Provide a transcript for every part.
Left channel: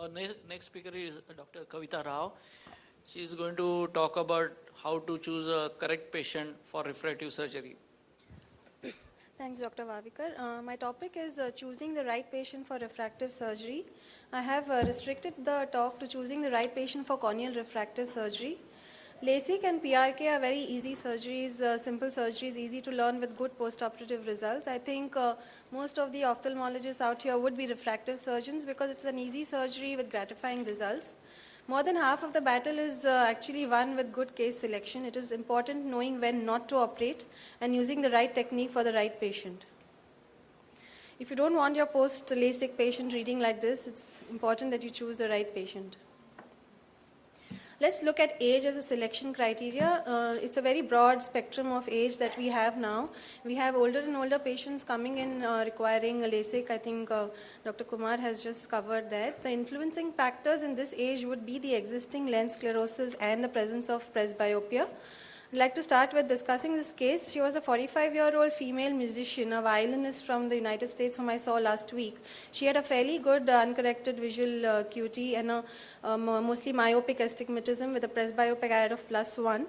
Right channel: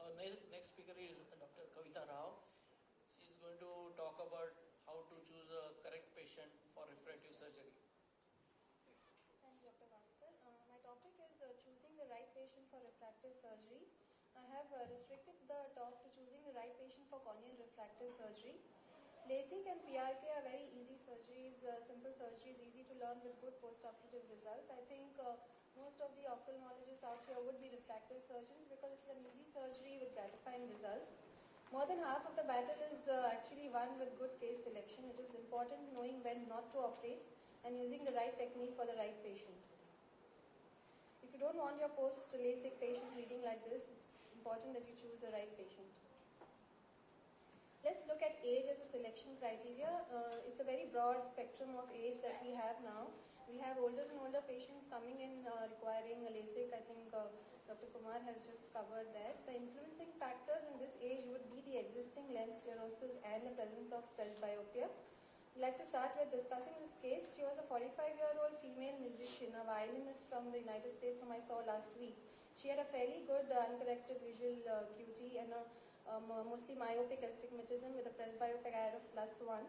Our next speaker is Dr. Kavita Rao. She is going to talk about how to choose a correct patient for refractive surgery. Thanks, Dr. Vavikar. My topic is choosing the right patient for refractive surgery. I have restricted the talk to choosing the right patient for corneal refractive surgery. LASIK and PRK are very easy surgeries, simple surgeries, easy to learn with good postoperative results. I think most of the ophthalmologists out here would be refractive surgeons because it's an easy surgery with gratifying results. More than half of the battle is actually won with good case selection. It is important knowing when not to operate and using the right technique for the right patient. If you don't want your post-LASIK patient reading like this, it's important that you choose the right patient. Let's look at age as a selection criteria. It's a very broad spectrum of age that we have now. We have older and older patients coming in requiring a LASIK. I think Dr. Kumar has just covered that. The influencing factors in this age would be the existing lens sclerosis and the presence of presbyopia. I'd like to start with discussing this case. She was a 45-year-old female musician, a violinist from the United States whom I saw last week. She had a fairly good uncorrected visual acuity and a mostly myopic astigmatism with a presbyopic add of +1.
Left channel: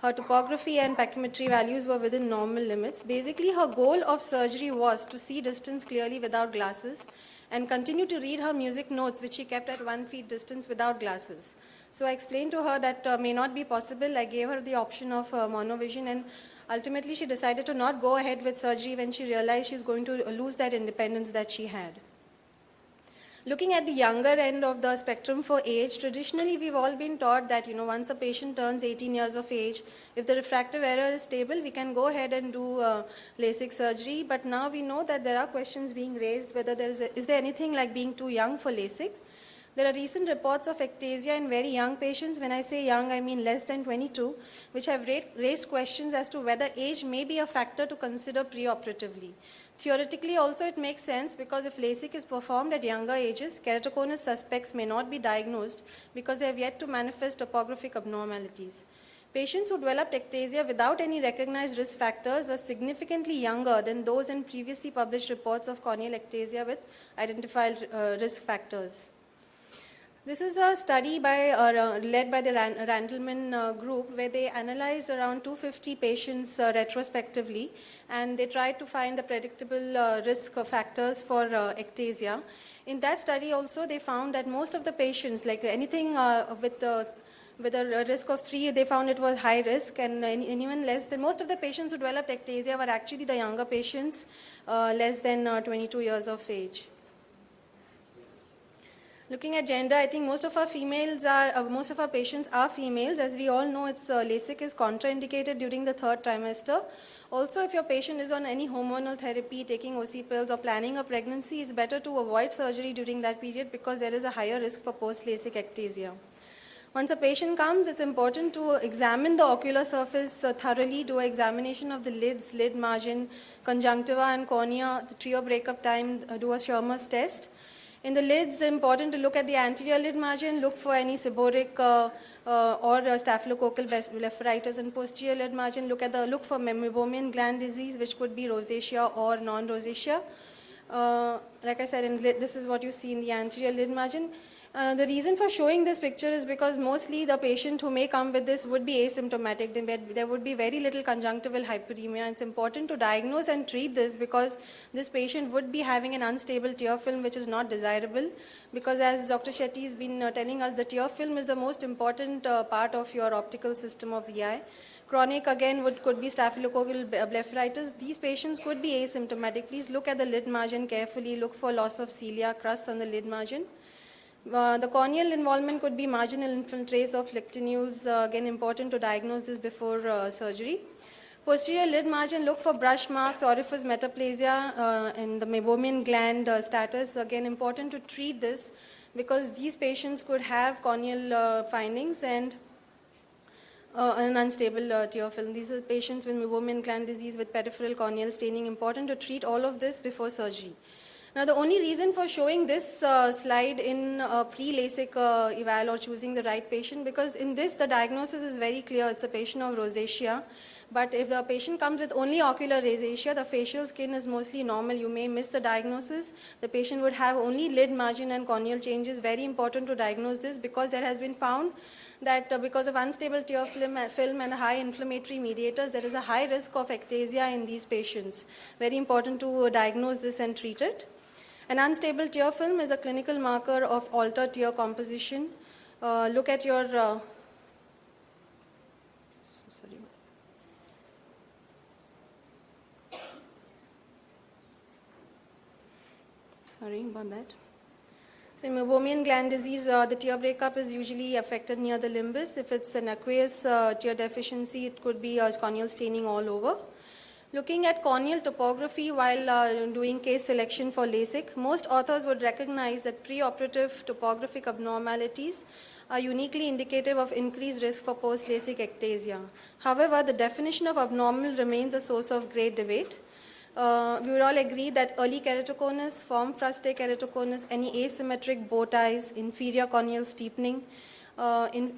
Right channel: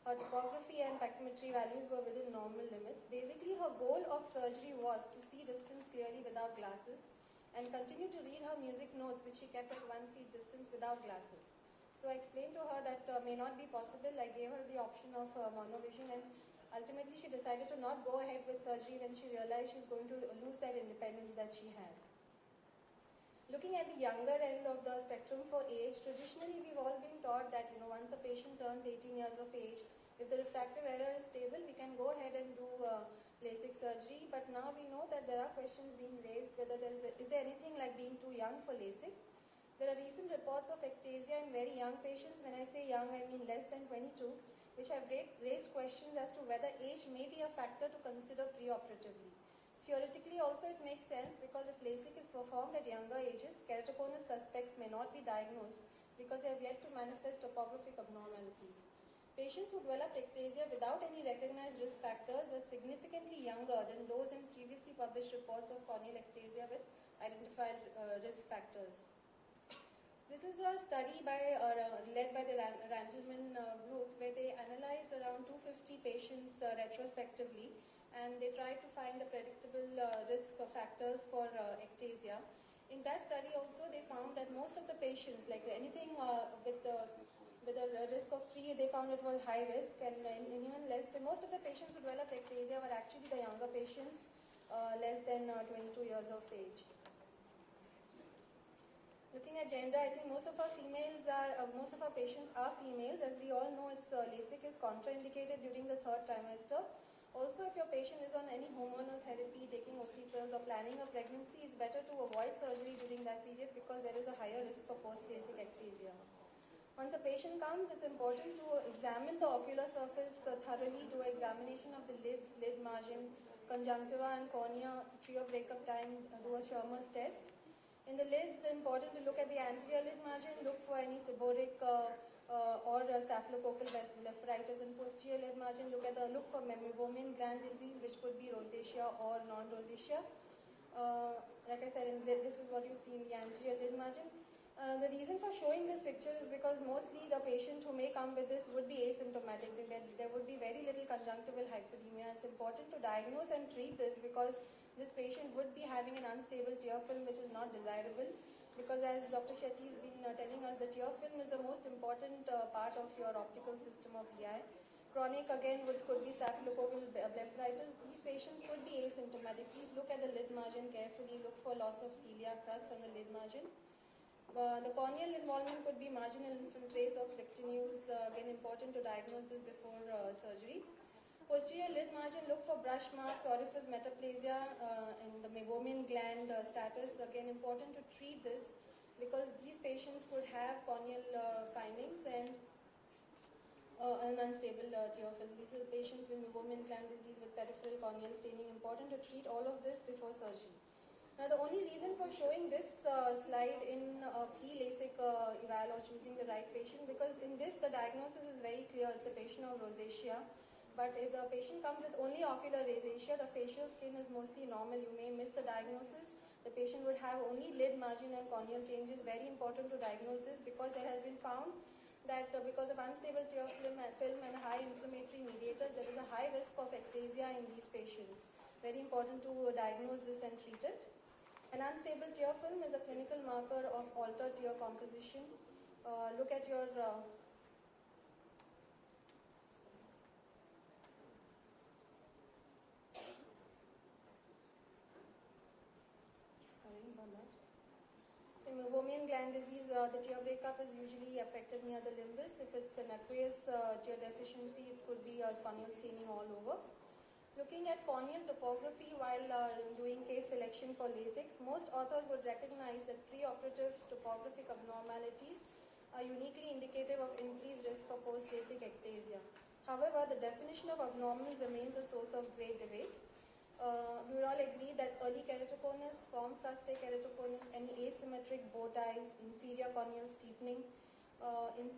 Her topography and pachymetry values were within normal limits. Basically, her goal of surgery was to see distance clearly without glasses and continue to read her music notes, which she kept at 1 feet distance without glasses. So I explained to her that may not be possible. I gave her the option of monovision, and ultimately she decided to not go ahead with surgery when she realized she's going to lose that independence that she had. Looking at the younger end of the spectrum for age, traditionally we've all been taught that once a patient turns 18 years of age, if the refractive error is stable, we can go ahead and do LASIK surgery. But now we know that there are questions being raised whether is there anything like being too young for LASIK. There are recent reports of ectasia in very young patients. When I say young, I mean less than 22, which have raised questions as to whether age may be a factor to consider preoperatively. Theoretically, also it makes sense because if LASIK is performed at younger ages, keratoconus suspects may not be diagnosed because they have yet to manifest topographic abnormalities. Patients who developed ectasia without any recognized risk factors were significantly younger than those in previously published reports of corneal ectasia with identified risk factors. This is a study led by the Randleman group where they analyzed around 250 patients retrospectively, and they tried to find the predictable risk factors for ectasia. In that study also they found that most of the patients, like anything with a risk of 3, they found it was high risk, and anyone less than, most of the patients who developed ectasia were actually the younger patients, less than 22 years of age. Looking at gender, I think most of our patients are females. As we all know, LASIK is contraindicated during the 3rd trimester. Also, if your patient is on any hormonal therapy, taking OC pills or planning a pregnancy, it's better to avoid surgery during that period because there is a higher risk for post-LASIK ectasia. Once a patient comes, it's important to examine the ocular surface thoroughly, do an examination of the lids, lid margin, conjunctiva and cornea, the trio breakup time, do a Schirmer's test. In the lids, it's important to look at the anterior lid margin, look for any seborrheic or staphylococcal blepharitis, and posterior lid margin, look for meibomian gland disease, which could be rosacea or non-rosacea. Like I said, this is what you see in the anterior lid margin. The reason for showing this picture is because mostly the patient who may come with this would be asymptomatic. There would be very little conjunctival hyperemia. It's important to diagnose and treat this because this patient would be having an unstable tear film, which is not desirable, because as Dr. Shetty has been telling us, the tear film is the most important part of your optical system of the eye. Chronic, again, could be staphylococcal blepharitis. These patients could be asymptomatic. Please look at the lid margin carefully. Look for loss of cilia, crust on the lid margin. The corneal involvement could be marginal infiltrates of lectinules, again important to diagnose this before surgery. Posterior lid margin, look for brush marks, orifice metaplasia, and the meibomian gland status, again important to treat this because these patients could have corneal findings and an unstable tear film. These are patients with meibomian gland disease with peripheral corneal staining, important to treat all of this before surgery. Now, the only reason for showing this slide in pre-LASIK eval or choosing the right patient, because in this the diagnosis is very clear. It's a patient of rosacea. But if the patient comes with only ocular rosacea, the facial skin is mostly normal, you may miss the diagnosis. The patient would have only lid margin and corneal changes. Very important to diagnose this, because there has been found that because of unstable tear film and high inflammatory mediators, there is a high risk of ectasia in these patients. Very important to diagnose this and treat it. An unstable tear film is a clinical marker of altered tear composition. Look at your sorry about that. So in meibomian gland disease, the tear breakup is usually affected near the limbus. If it's an aqueous tear deficiency, it could be corneal staining all over. Looking at corneal topography while doing case selection for LASIK, most authors would recognize that preoperative topographic abnormalities are uniquely indicative of increased risk for post-LASIK ectasia. However, the definition of abnormal remains a source of great debate. We would all agree that early keratoconus, form frustae keratoconus, any asymmetric bow ties, inferior corneal steepening,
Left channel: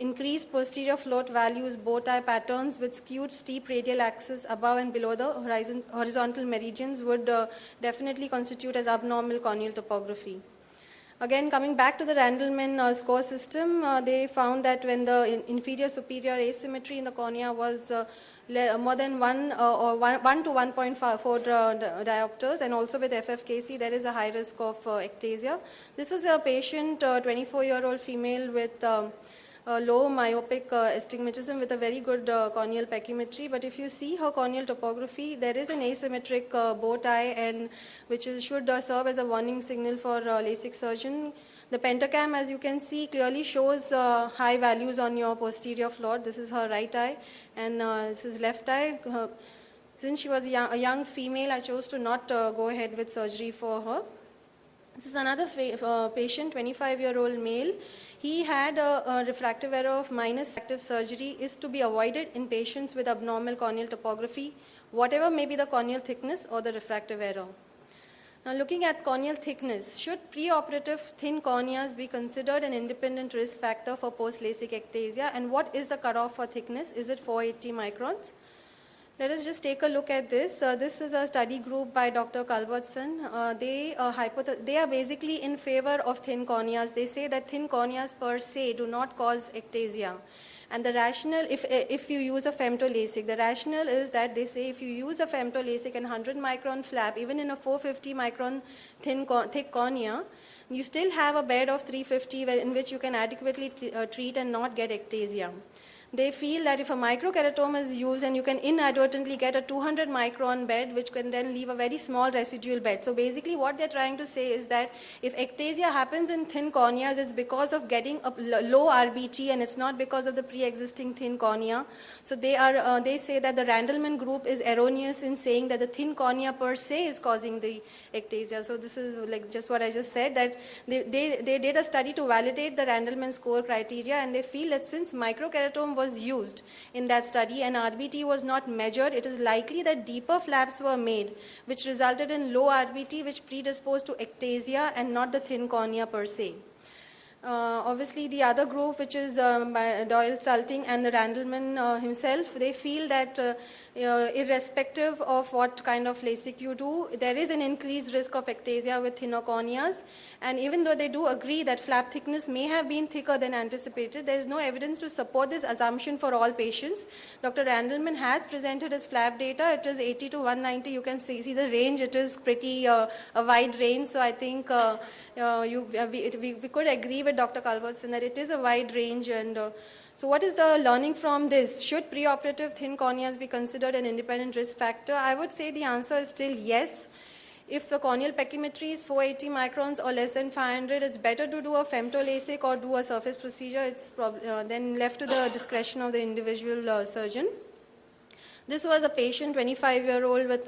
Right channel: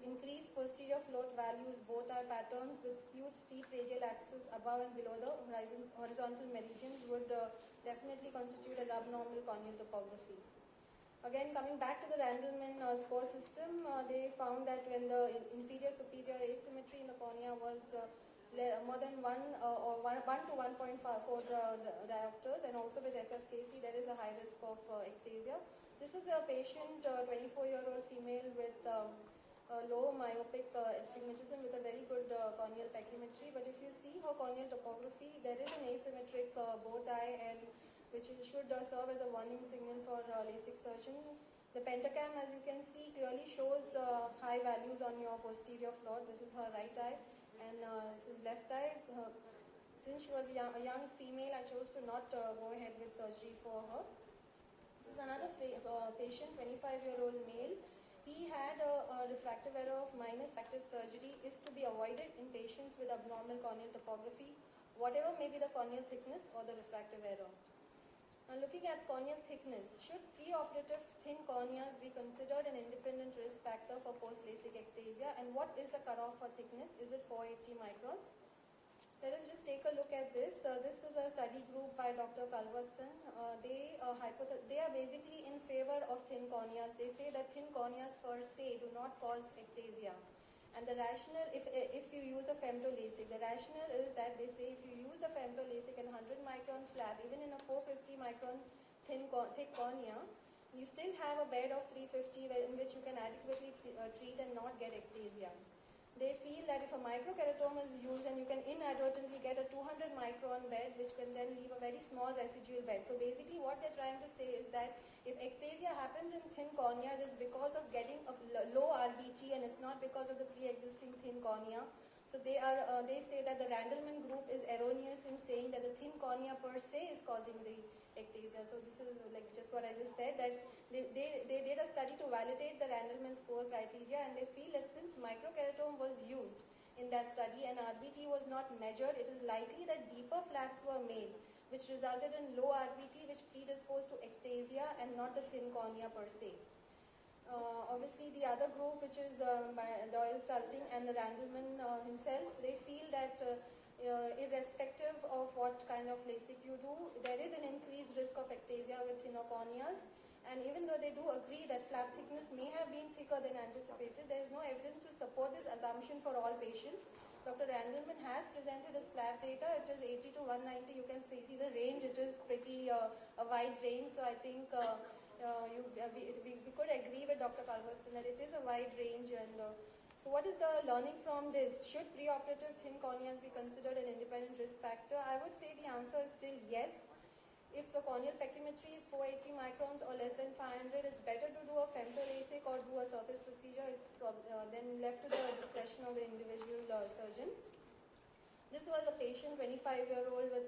increased posterior float values, bow tie patterns with skewed steep radial axis above and below the horizontal meridians would definitely constitute as abnormal corneal topography. Again, coming back to the Randleman score system, they found that when the inferior superior asymmetry in the cornea was more than 1 to 1.4 diopters, and also with FFKC, there is a high risk of ectasia. This was a patient, 24-year-old female with low myopic astigmatism with a very good corneal pachymetry. But if you see her corneal topography, there is an asymmetric bow tie, and which should serve as a warning signal for LASIK surgeon. The pentacam, as you can see, clearly shows high values on your posterior float. This is her right eye, and this is left eye. Since she was a young female, I chose to not go ahead with surgery for her. This is another patient, 25-year-old male. He had a refractive error of minus. Active surgery is to be avoided in patients with abnormal corneal topography, whatever may be the corneal thickness or the refractive error. Now, looking at corneal thickness, should preoperative thin corneas be considered an independent risk factor for post-LASIK ectasia, and what is the cutoff for thickness? Is it 480 microns? Let us just take a look at this. This is a study group by Dr. Culbertson. They are basically in favor of thin corneas. They say that thin corneas per se do not cause ectasia. And the rationale, if you use a femto-LASIK, the rationale is that they say if you use a femto-LASIK and 100 micron flap, even in a 450 micron thick cornea, you still have a bed of 350 in which you can adequately treat and not get ectasia. They feel that if a microkeratoma is used and you can inadvertently get a 200 micron bed, which can then leave a very small residual bed. So basically what they're trying to say is that if ectasia happens in thin corneas, it's because of getting a low RBT, and it's not because of the pre-existing thin cornea. So they say that the Randleman group is erroneous in saying that the thin cornea per se is causing the ectasia. So this is like just what I just said, that they did a study to validate the Randleman score criteria, and they feel that since microkeratoma was used in that study and RBT was not measured, it is likely that deeper flaps were made, which resulted in low RBT, which predisposed to ectasia and not the thin cornea per se. Obviously, the other group, which is by Doyle Salting and the Randleman himself, they feel that irrespective of what kind of LASIK you do, there is an increased risk of ectasia with thinner corneas. And even though they do agree that flap thickness may have been thicker than anticipated, there is no evidence to support this assumption for all patients. Dr. Randleman has presented his flap data. It is 80 to 190. You can see the range. It is pretty a wide range. So I think we could agree with Dr. Culbertson that it is a wide range. And so what is the learning from this? Should preoperative thin corneas be considered an independent risk factor? I would say the answer is still yes. If the corneal pachymetry is 480 microns or less than 500, it's better to do a femto-LASIK or do a surface procedure. It's then left to the discretion of the individual surgeon. This was a patient, 25-year-old with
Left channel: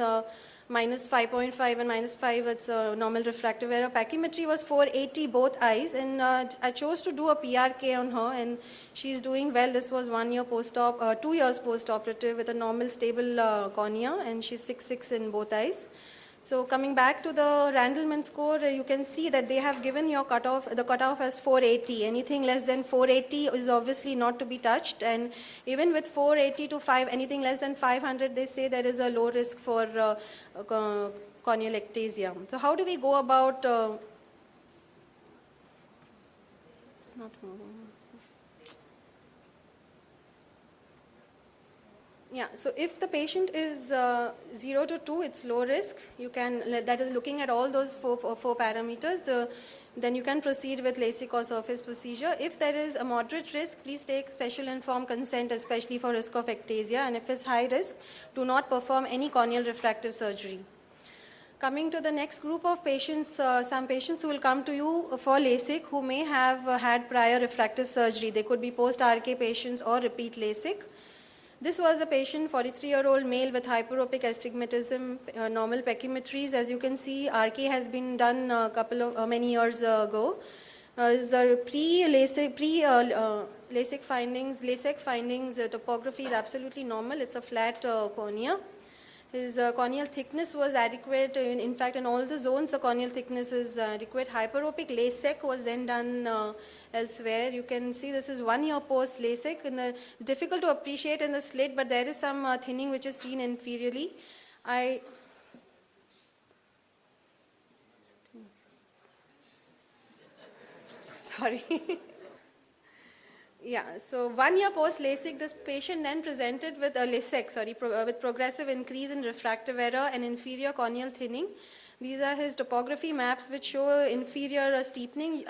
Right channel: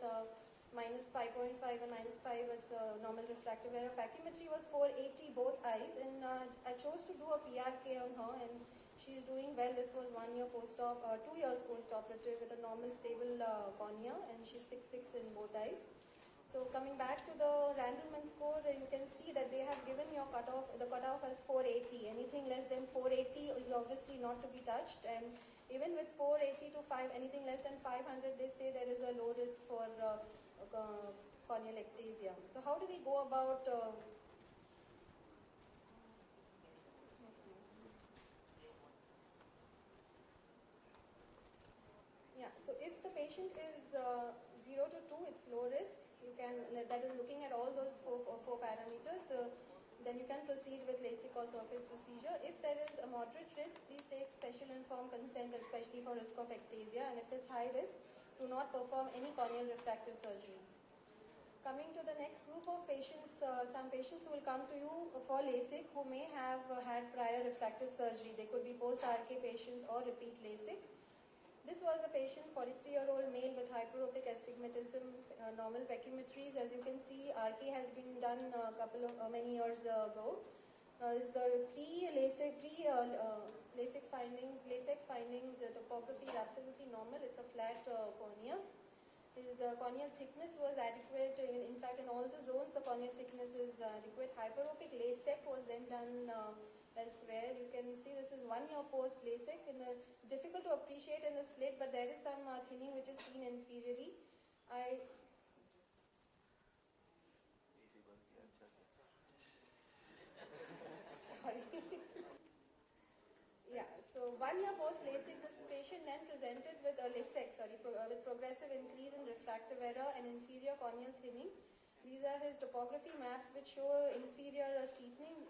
minus 5.5 and minus 5, it's a normal refractive error. Pachymetry was 480 both eyes, and I chose to do a PRK on her, and she's doing well. This was 1 year post-op, 2 years post-operative with a normal stable cornea, and she's 6'6" in both eyes. So coming back to the Randleman score, you can see that they have given your the cutoff as 480. Anything less than 480 is obviously not to be touched, and even with 480 to 5, anything less than 500, they say there is a low risk for corneal ectasia. So how do we go about? It's not moving. Yeah, so if the patient is 0 to 2, it's low risk. You can, that is looking at all those four parameters, then you can proceed with LASIK or surface procedure. If there is a moderate risk, please take special informed consent, especially for risk of ectasia. And if it's high risk, do not perform any corneal refractive surgery. Coming to the next group of patients, some patients who will come to you for LASIK who may have had prior refractive surgery. They could be post-RK patients or repeat LASIK. This was a patient, 43-year-old male with hyperopic astigmatism, normal pachymetries. As you can see, RK has been done many years ago. His pre-LASIK findings, topography is absolutely normal. It's a flat cornea. His corneal thickness was adequate. In fact, in all the zones, the corneal thickness is adequate. Hyperopic LASIK was then done elsewhere. You can see this is 1 year post LASIK. It's difficult to appreciate in the slit, but there is some thinning which is seen inferiorly. Sorry. Yeah, so 1 year post LASIK, this patient then presented with a with progressive increase in refractive error and inferior corneal thinning. These are his topography maps which show inferior steepening.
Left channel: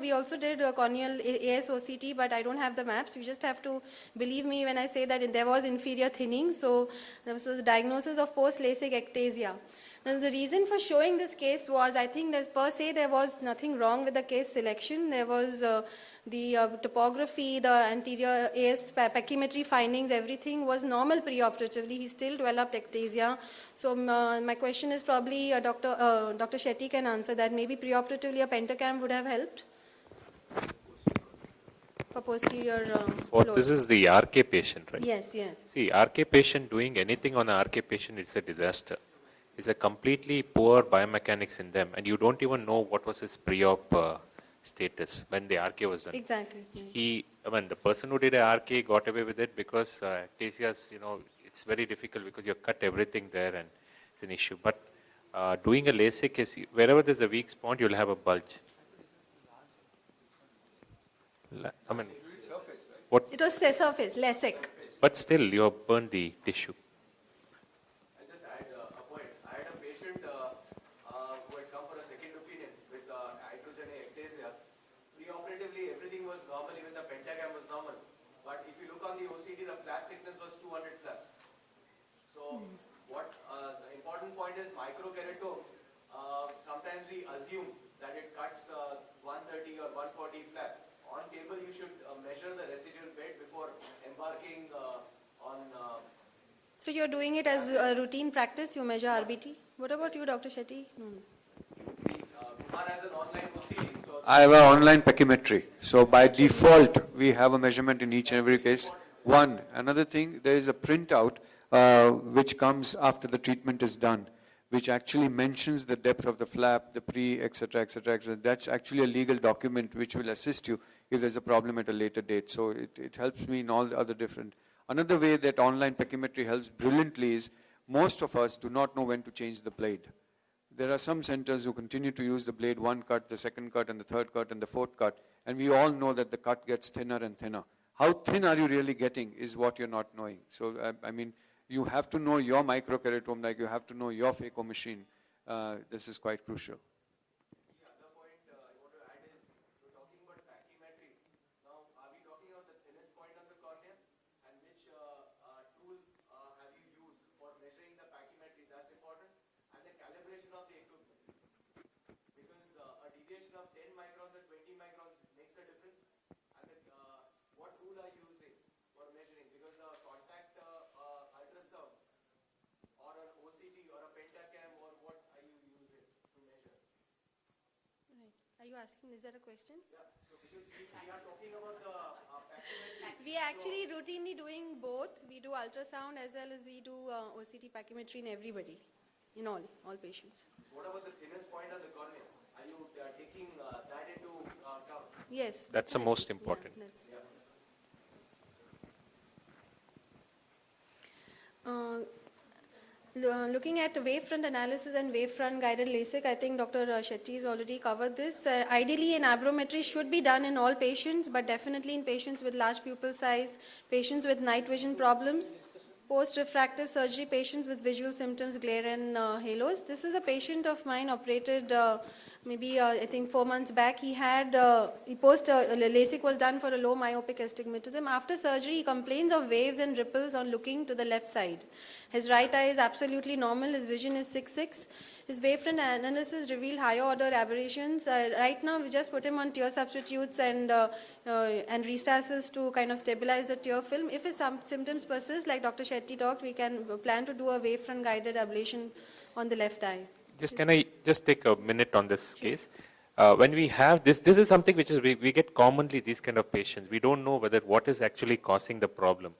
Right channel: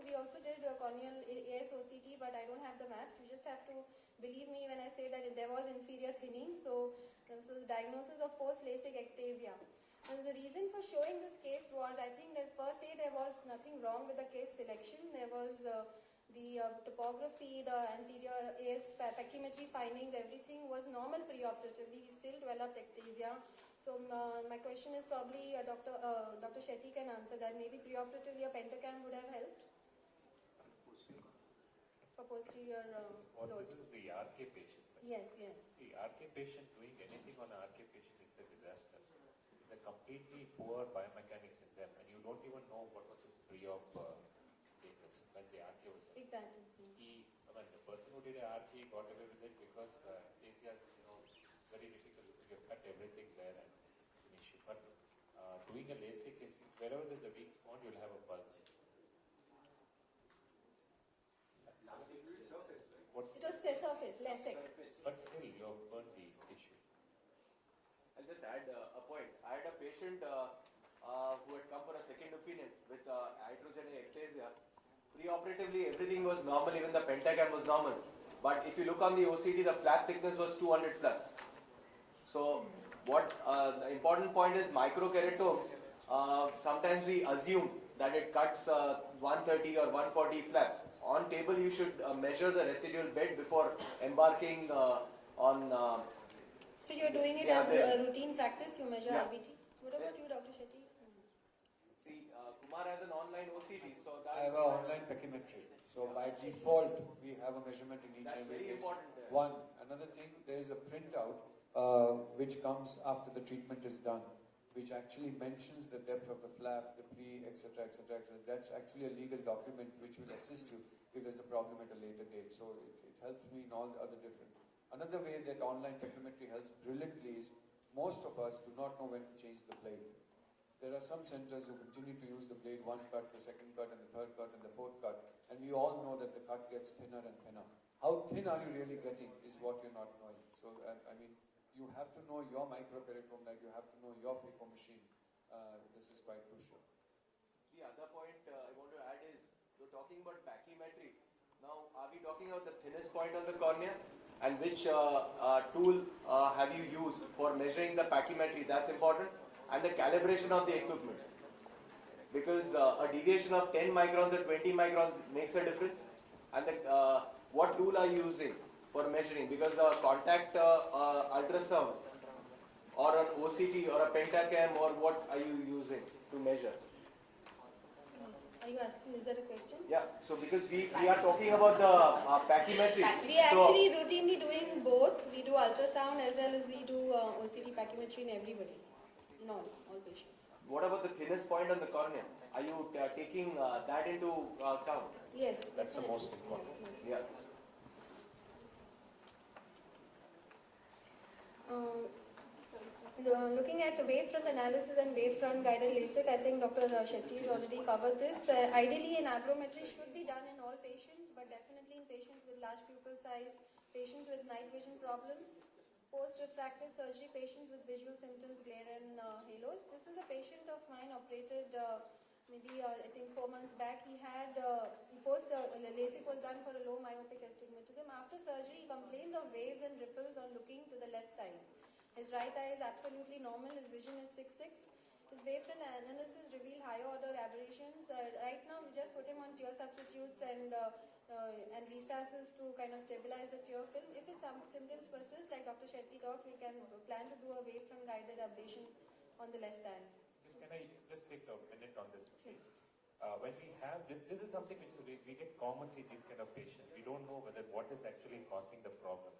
We also did a corneal ASOCT, but I don't have the maps. You just have to believe me when I say that there was inferior thinning. So this was the diagnosis of post LASIK ectasia. Now, the reason for showing this case was, I think per se there was nothing wrong with the case selection. There was the topography, the anterior AS pachymetry findings, everything was normal preoperatively. He still developed ectasia. So my question is probably Dr. Shetty can answer that. Maybe preoperatively a pentacam would have helped for posterior This is the RK patient, right? Yes, yes. See, RK patient, doing anything on an RK patient is a disaster. It's a completely poor biomechanics in them, and you don't even know what was his pre-op status when the RK was done. Exactly. The person who did a RK got away with it because ectasias, it's very difficult because you cut everything there and it's an issue. But doing a LASIK is, wherever there's a weak spot, you'll have a bulge. It was surface, LASIK. But still, you have burned the tissue. I'll just add a point. I had a patient who had come for a second opinion with iatrogenic ectasia. Preoperatively, everything was normal, even the pentacam was normal. But if you look on the OCT, the flap thickness was 200 plus. So what the important point is microkeratome. Sometimes we assume that it cuts 130 or 140 flap. On table, you should measure the residual bed before embarking on. So you're doing it as a routine practice, you measure RBT? What about you, Dr. Shetty? Kumar has an online proceeding. So I have an online pachymetry. So by default, we have a measurement in each and every case. Another thing, there is a printout which comes after the treatment is done, which actually mentions the depth of the flap, the etc., etc., etc. That's actually a legal document which will assist you if there's a problem at a later date. So it helps me in all the other different. Another way that online pachymetry helps brilliantly is most of us do not know when to change the blade. There are some centers who continue to use the blade 1 cut, the 2nd cut, and the 3rd cut, and the 4th cut, and we all know that the cut gets thinner and thinner. How thin are you really getting is what you're not knowing. So, you have to know your microkeratome, like you have to know your phaco machine. This is quite crucial. the other point I want to add is, you're talking about pachymetry. Now, are we talking about the thinnest point of the cornea? And which tool have you used for measuring the pachymetry? That's important. And the calibration of the equipment. Because a deviation of 10 microns or 20 microns makes a difference. And what tool are you using for measuring? Because the contact ultrasound or an OCT or a pentacam, or what are you using to measure? Are you asking, is that a question? Yeah, so because we are talking about the pachymetry. We actually routinely doing both. We do ultrasound as well as we do OCT pachymetry in everybody. in all patients. What about the thinnest point on the cornea? Are you taking that into account? Yes. That's the most important. Yeah. Looking at wavefront analysis and wavefront guided LASIK, I think Dr. Shetty has already covered this. Ideally, an aberrometry should be done in all patients, but definitely in patients with large pupil size, patients with night vision problems, post-refractive surgery patients with visual symptoms, glare and halos. This is a patient of mine operated maybe I think 4 months back. He had LASIK was done for a low myopic astigmatism. After surgery, he complains of waves and ripples on looking to the left side. His right eye is absolutely normal. His vision is 6/6. His wavefront analysis revealed higher order aberrations. Right now, we just put him on tear substitutes and restasis to kind of stabilize the tear film. If his symptoms persist, like Dr. Shetty talked, we can plan to do a wavefront guided ablation on the left eye. Can I just take a minute on this case? When we have this is something which is we get commonly these kind of patients. We don't know whether what is actually causing the problem.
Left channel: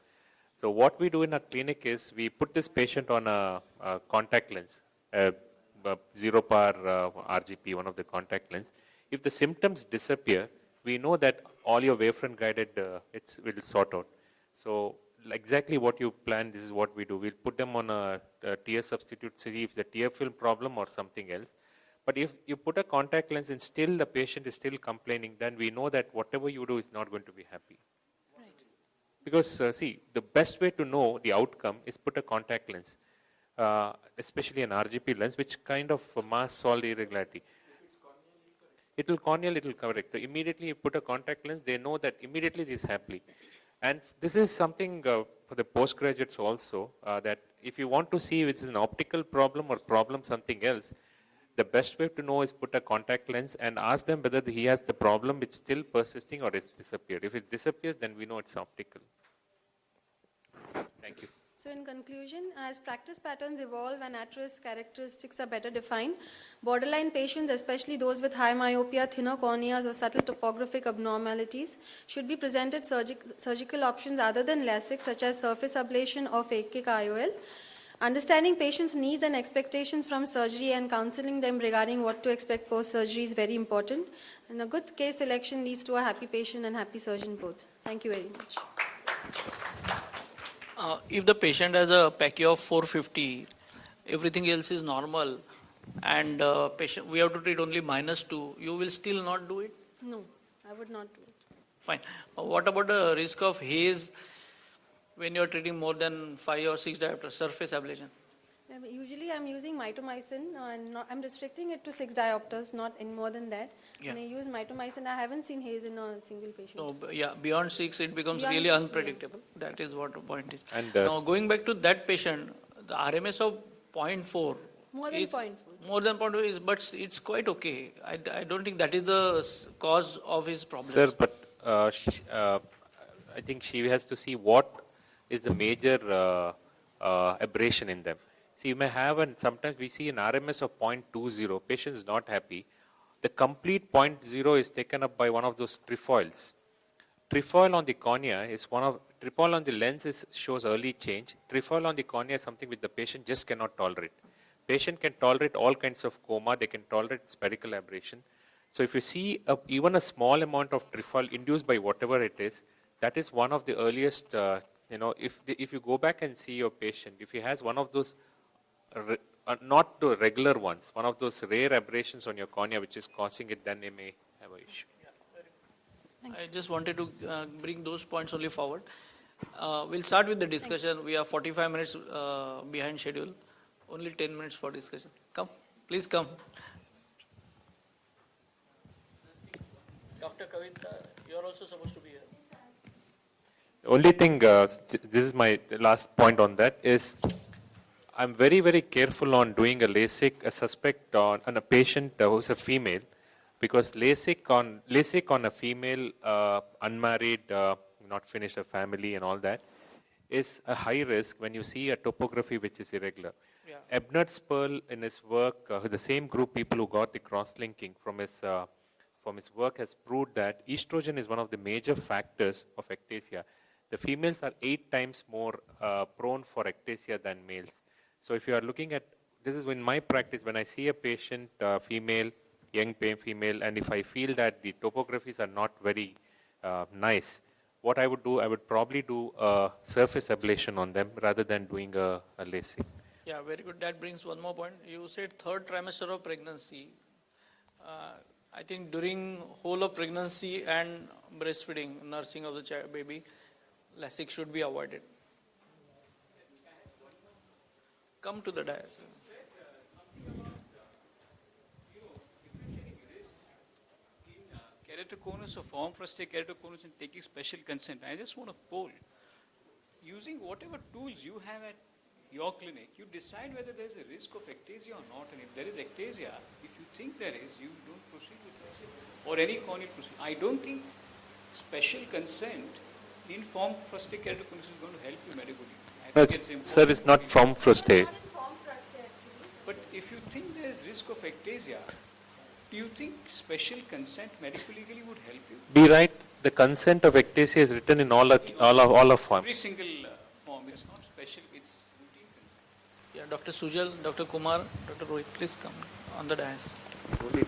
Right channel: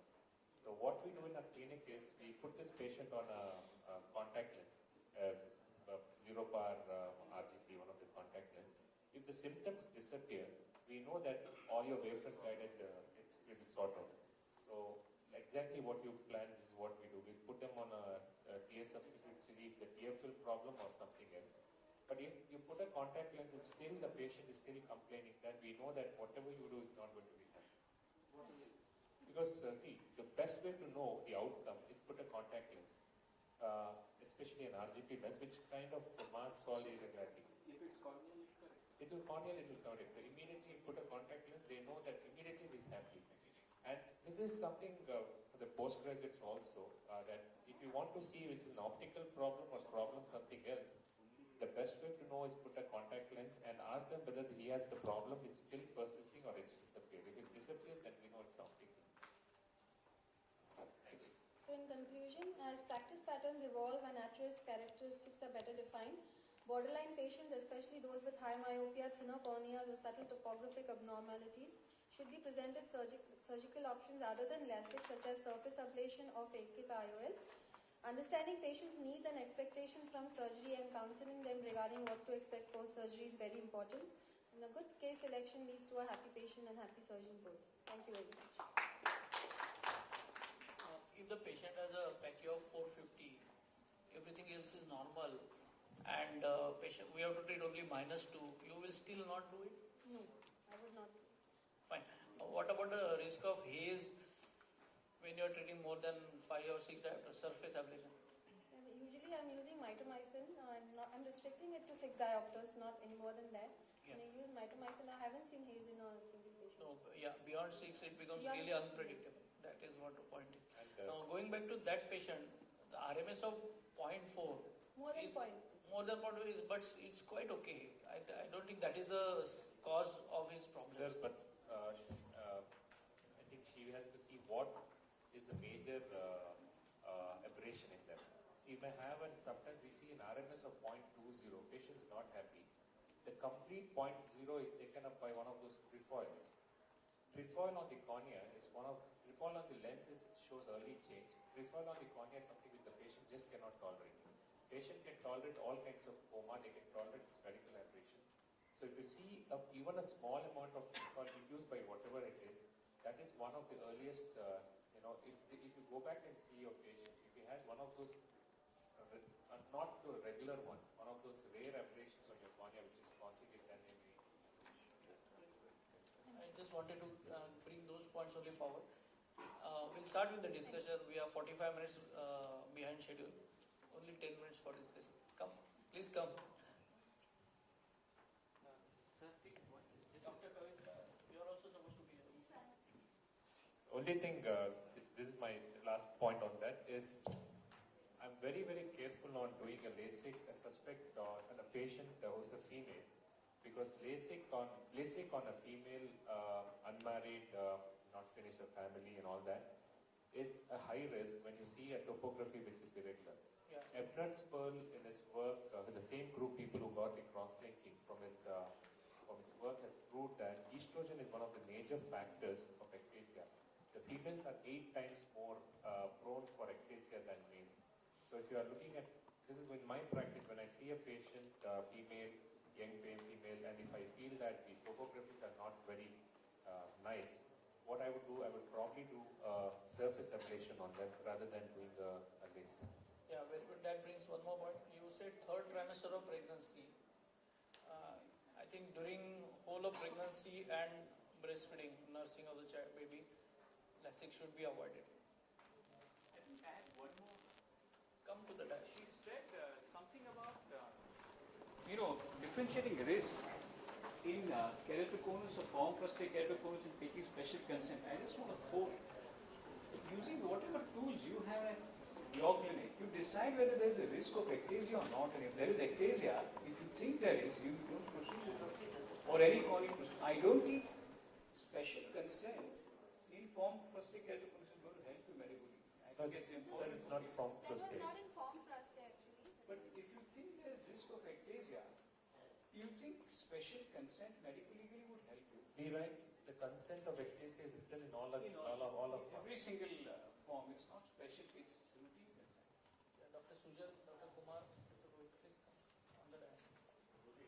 So what we do in our clinic is we put this patient on a contact lens, zero power RGP, one of the contact lens. If the symptoms disappear, we know that all your wavefront guided will sort out. So exactly what you plan, this is what we do. We'll put them on a tear substitute, see if it's a tear film problem or something else. But if you put a contact lens and still the patient is still complaining, then we know that whatever you do is not going to be happy. Right. Because see, the best way to know the outcome is put a contact lens, especially an RGP lens, which kind of masks all the irregularity. It will corneal, it will correct. So immediately you put a contact lens, they know that immediately this is happy. And this is something for the postgraduates also, that if you want to see which is an optical problem or problem something else, the best way to know is put a contact lens and ask them whether he has the problem which is still persisting or it's disappeared. If it disappears, then we know it's optical. Thank you. So in conclusion, as practice patterns evolve and at-risk characteristics are better defined, borderline patients, especially those with high myopia, thinner corneas, or subtle topographic abnormalities, should be presented surgical options other than LASIK, such as surface ablation or phakic IOL. Understanding patients' needs and expectations from surgery and counseling them regarding what to expect post-surgery is very important. And a good case selection leads to a happy patient and happy surgeon both. Thank you very much. If the patient has a PACI of 450, everything else is normal, and patient we have to treat only -2, you will still not do it? No, I would not do it. Fine. What about the risk of haze when you are treating more than 5 or 6 diopters, surface ablation? Usually I'm using mitomycin and I'm restricting it to 6 diopters, not any more than that. Yeah. When I use mitomycin, I haven't seen haze in a single patient. No, yeah, beyond 6 it becomes Beyond really 6, unpredictable. That is what the point is. And now going back to that patient, the RMS of 0.4 More than is 0.4. more than 0.4 is, but it's quite okay. I don't think that is the cause of his problem. Sir, but I think she has to see what is the major aberration in them. See, you may have, and sometimes we see an RMS of 0.20, patient is not happy. The complete 0.0 is taken up by one of those trefoils. Trefoil on the cornea is trefoil on the lens shows early change. Trefoil on the cornea is something which the patient just cannot tolerate. Patient can tolerate all kinds of coma, they can tolerate spherical aberration. So if you see even a small amount of trefoil induced by whatever it is, that is one of the earliest, if you go back and see your patient, if he has one of those, not the regular ones, one of those rare aberrations on your cornea which is causing it, then they may have an issue. I just wanted to bring those points only forward. We'll start with the discussion. We are 45 minutes behind schedule. Only 10 minutes for discussion. Come, please come. Dr. Kavita, you are also supposed to be here. The only thing, this is my last point on that, is I'm very, very careful on doing a LASIK, a suspect on a patient who's a female, because LASIK on a female, unmarried, not finished a family and all that, is a high risk when you see a topography which is irregular. Yeah. Ebner Sperl in his work, the same group people who got the cross-linking from his work has proved that estrogen is one of the major factors of ectasia. The females are 8 times more prone for ectasia than males. So if you are looking at this is in my practice, when I see a patient, female, young female, and if I feel that the topographies are not very nice, what I would do, I would probably do a surface ablation on them rather than doing a LASIK. Yeah, very good. That brings one more point. You said third trimester of pregnancy. I think during whole of pregnancy and breastfeeding, nursing of the baby, LASIK should be avoided. Come to the dais. Differentiating risk in keratoconus or form frustrated keratoconus and taking special consent. I just want to poll. Using whatever tools you have at your clinic, you decide whether there is a risk of ectasia or not. And if there is ectasia, if you think there is, you don't proceed with it. Or any corneal procedure. I don't think special consent in form frustrated keratoconus is going to help you medically. I No, think it's important. sir, it's not from prostate. But if you think there is risk of ectasia, do you think special consent medical legally would help you? Be right, the consent of ectasia is written in all of form. Every single form, it's not special, it's routine consent. Yeah, Dr. Sujal, Dr. Kumar, Dr. Rohit, please come on the dais.